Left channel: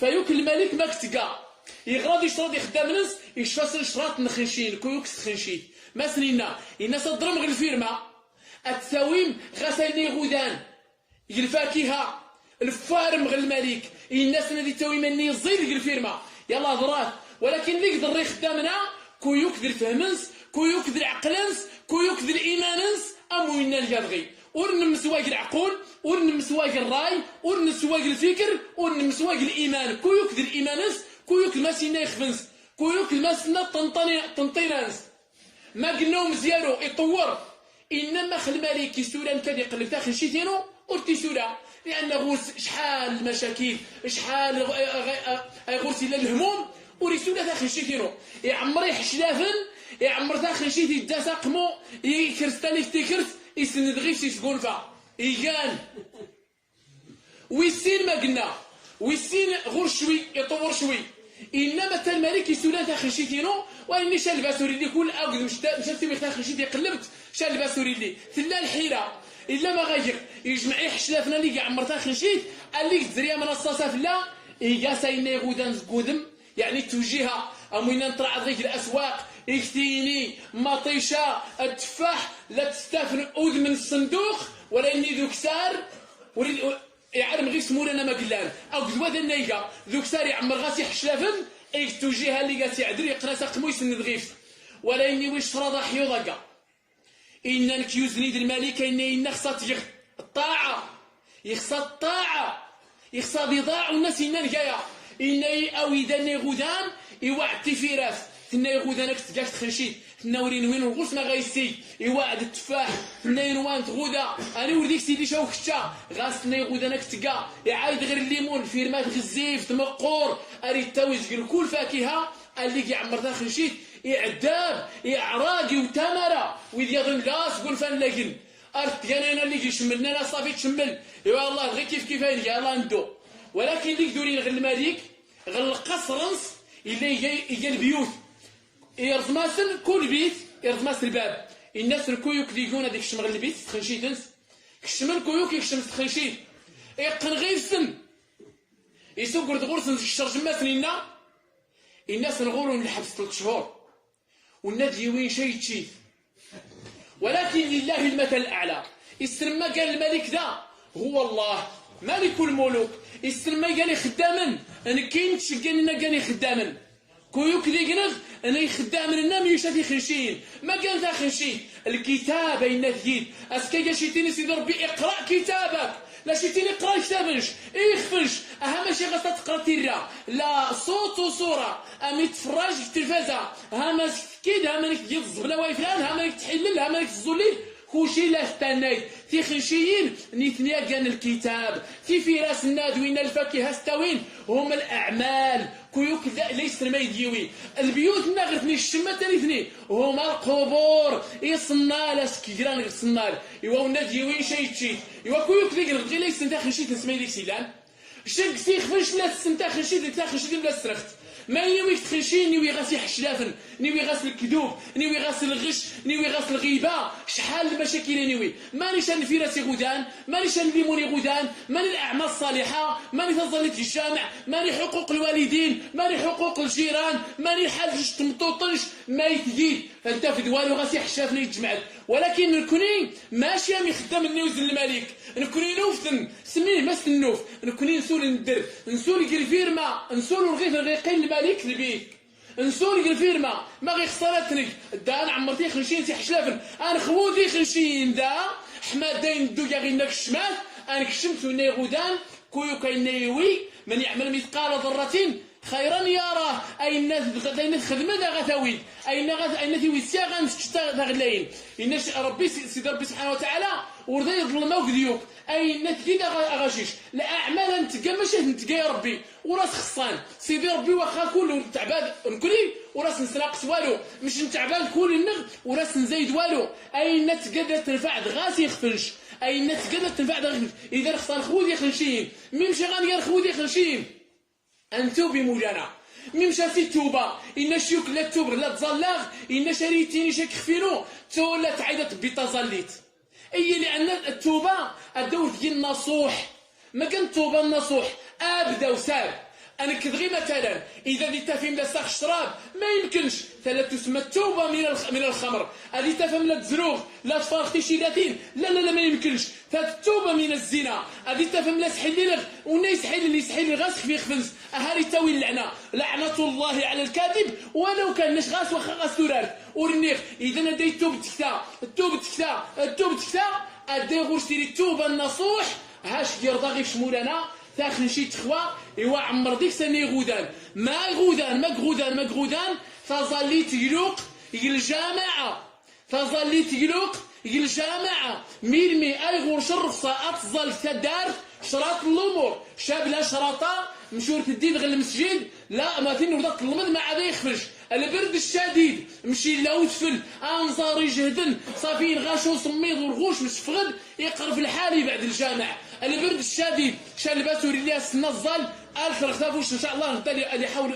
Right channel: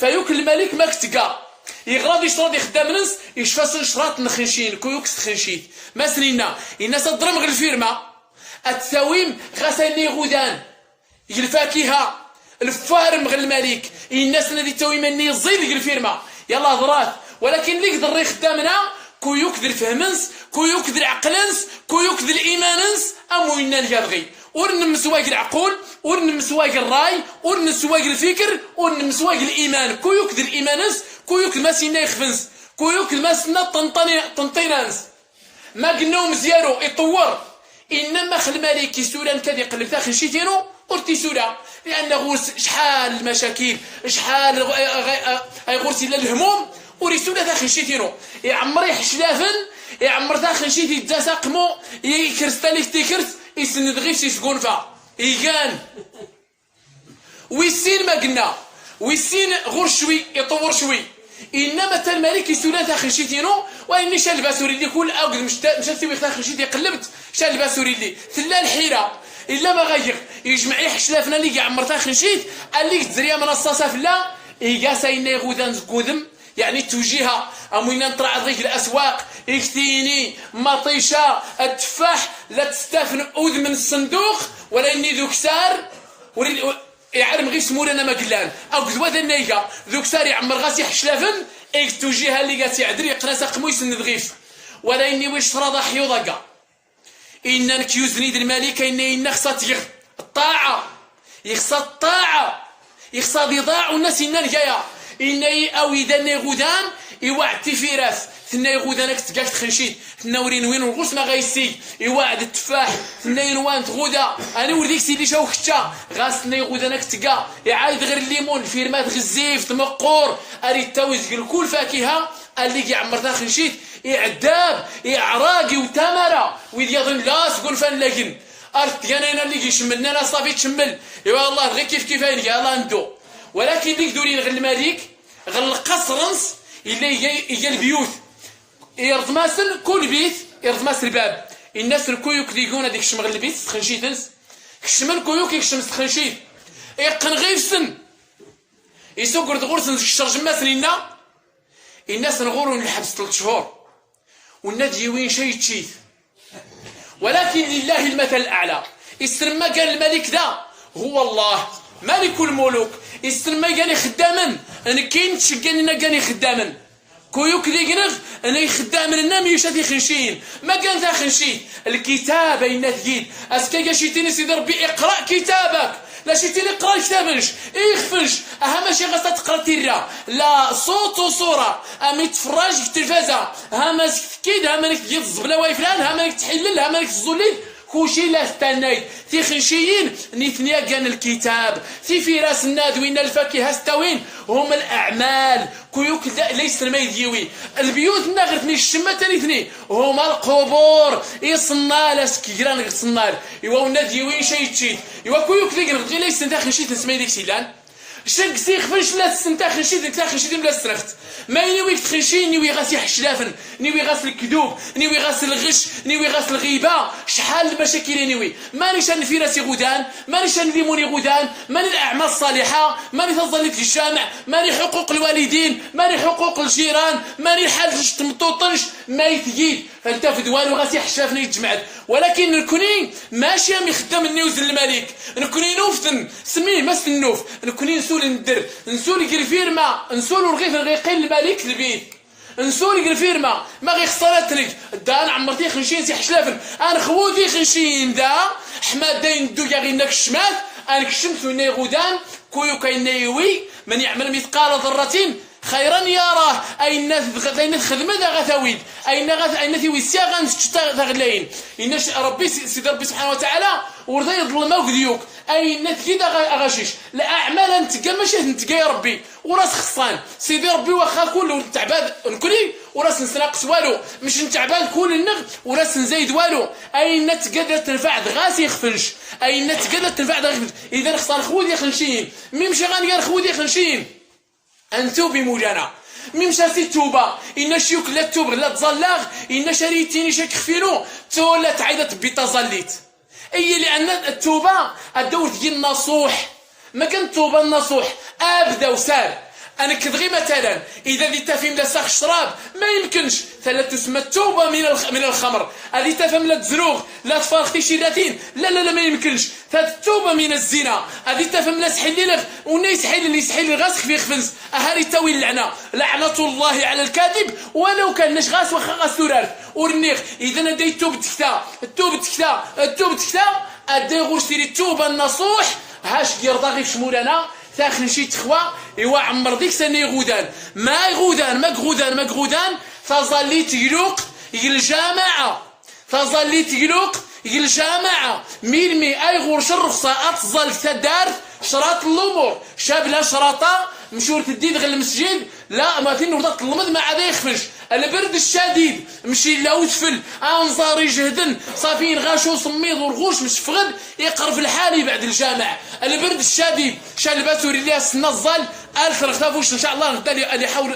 فيوك الملك ما كتقا يغراض يشرد يخدم نص يشفى شراط نخنشين كويوك تخنشيت ما سنينا الناس تضرم غير الفيرما التساويم غساني غودان الفاكهه الفارم غير الملك الناس الذي تساوي مني زيد غير الفيرما يلا هضرات ولكن اللي يقدر يخدمنا كويوك ذي الفهمنس كويوك ذي العقلنس كويوك ذي الايماننس اموينا اليرغي ورن سواق العقول ورن سواق الراي ورن سواق الفكر ورن سواق الايمان كويوك ذي الايماننس كويوك الماسينا يخفنس كويوك الماسنا طنطينانس ما قلناو مزيارو يطور انما خل مالك سوران كان يقلب تاخن شيتينو ورتي سورا لانه شحال المشاكل شحال غورتي الهموم وريسولا تاخن شيتينو يعمر يحشلافن يعمر تاخن شيتي تساقمو يكرستاليك تيكرت يسند غير شي سكونفا يقان ويسين ما قلنا ويسين غور شوي يطور شوي انما تا الملك يسولا تاخن شيتينو واني شال باسوري اللي كل اوقد مشات سوي تاخن شيتي قلبت شال باسوري اللي ثلا الحيره الا ما غير يجمع يحشلافنا اللي يعمر تاخن شيت اللي تزريا من الصاصه فلا يقاساينا غودان زكودم يعني توجيها اموينا نطلع ضيق الاسواق يكتيني مطيشه التفاح لا تستافن اذ من الصندوق ولا اني ذو كسار يعلم غير سمور انا ما قلان او كذوا ذا النيقه ذو كسار يعمر غاسي حشلافن ايك توجيها اللي قاسي عدري قراس قمو يسند غيف ولا اني ويش رضا حيوضقا ان كيوزني الملك ان خصات الطاعه يخصى الطاعه يخصى بضاع والناس ان جايه إني أو إذا غودان يوعد فراس ثنا غودانك تقاش تخنشيت ثنا ورين وين الغوص ما غايسي يوعد التفاح ثنا ينوان تغودا أنا ورديك سيدي شاو خشا غاس ثنا غودانك تقا يعايد غير الليمون فيرمات غزيف تمقور أريد تاويز كل فاكهة اللي يعمر ذا خنشيت يعداب يعراقي وتمرة ويد يظن لا سقول فان لكن أرت يانا اللي يشملنا أنا صافي تشمل يا الله غير كيف يا الله ندو ولكن اللي يقدرين غير الملك غير القصرنس اللي هي البيوت يرضماسن كل بيت يرضماس الباب الناس الكويوك ديقون هذيك الشمغل البيت تخنشيتنس كشمن كويوك يكشم تخنشيت يقن غير سن يسوق غورسن الشرج ماسنينا الناس نغوروا الحبس 3 شهور والنادي وين شي تشيت ولكن لله المثل الاعلى يستلم ما قال الملك ذا هو الله مالك الملوك يستلم قال خداما انا كاين تشقاني انا قال خداما كويوك ذي قنغ انا يخدام لنا ميشاتي خنشين ما كان ذا خنشين الكتاب اين تجيد اسكا شيتيني سيدي ربي اقرا كتابك لا شيتيني اقرا كتابنش يخفنش اهم شي غاصه تقرا تيرا لا صوت وصوره امي تفرج في التلفازه ها ماسك كيد ها مالك تجيب الزبله واي فلان ها مالك تحلل ها مالك تزولي كلشي لا استناي في خنشيين نيثنيا كان الكتاب في راس الناد وين الفاكهه ستوين هم الاعمال كيوك ليس ما يديوي البيوت نغرتني الشمه تانيثني هما القبور يصنع لاس كيران يصنع ايوا ناديوي شي تشيت ايوا كيوك اللي ليس انت خنشيت نسمي ديك سيلان شك سيخ فاش لا تستنتا خنشيت انت خنشيت بلا سرخت ما ينويك تخنشين نيوي غاسي حشلافن نيوي غاس الكذوب نيوي غاس الغش نيوي غاس الغيبه شحال المشاكل نيوي مانيش انا في راسي غودان مانيش انا ليموني غودان ماني الاعمال الصالحه ماني تظلي في الجامع ماني حقوق الوالدين ماني حقوق الجيران ماني الحال تمطوطنش ما يتجيد فانت في دوالو غاسي حشافني يتجمعت ولكن نكوني ماشي مي خدام النيوز الملك نكوني نوفتن سميه ما سنوف نكوني نسول ندر نسول كير فيرما نسول رغيف الغيقين الملك البيت نسول كير فيرما ما غي خسارتني دا انا عمرتي خنشين سي حشلافن انا خوودي خنشين دا حماد داين دو يا غير الشمال انا كشمت وين غودان كويو كاينيوي من يعمل مثقال ذره خيرا يراه اي الناس خدمه ذا غثاويد اي الناس يويسيا غنشتغلين ان ربي سيدي ربي سبحانه وتعالى ورضا يظلموك ديوك اي الناس كذا غاشيش لا اعمال انت ماشي انت يا ربي وراس خصان سيدي ربي واخا كل تعبان نكوني وراس نسناقص والو مش نتعبان كل النغ وراس نزايد والو اي الناس قادره تنفع غاسي يخفنش اي الناس قادره تنفع غاسي اذا خصان خوذي خنشين ميمشي غنقال خوذي خنشين انتو بمولانا ميمشاتي التوبه ان شيوك لا توب لا تزلاغ ان شريتيني شك خفينو تو لا تعيط بتزليت اي لان التوبه الدور ديال النصوح ما كان التوبه النصوح ابدا وسار انا كدغي مثلا اذا دي تفهم لا ساخ الشراب ما يمكنش ثلا تسمى التوبه من الخمر. هذه تفهم لا تزروغ لا تفارختي شي 30 لا ما يمكنش. التوبه من الزنا هذه تفهم لا سحيل لك ونا يسحيل اللي يسحيل غاسك في خفنس اهاري تاوي اللعنه لعنه الله على الكاذب ولو كان نش غاس واخا غاس تورارت ورنيغ. اذا ادي توب تكتا ادي غوش تيري التوبه النصوح هاش دير ضاغي في شمولانا تاخن شي تخوى ايوا عمر ديك سنه غودان ما غودان تظلي تقلق الجامعه ميلمي اي غورش الرخصه اتظل تدار شراط الامور شابلا شراطه مشور تديد غير المسجد لا ما تين وضط المض ما عاد يخفش البرد الشديد مشي لا وتفل انظار يجهدن صافين غاشو صميض ورغوش مش فغد يقرب الحالي بعد الجامع. البرد الشديد شال باسوري لي السنه الظل الف رغتافوش ان شاء الله غدا اللي يحاول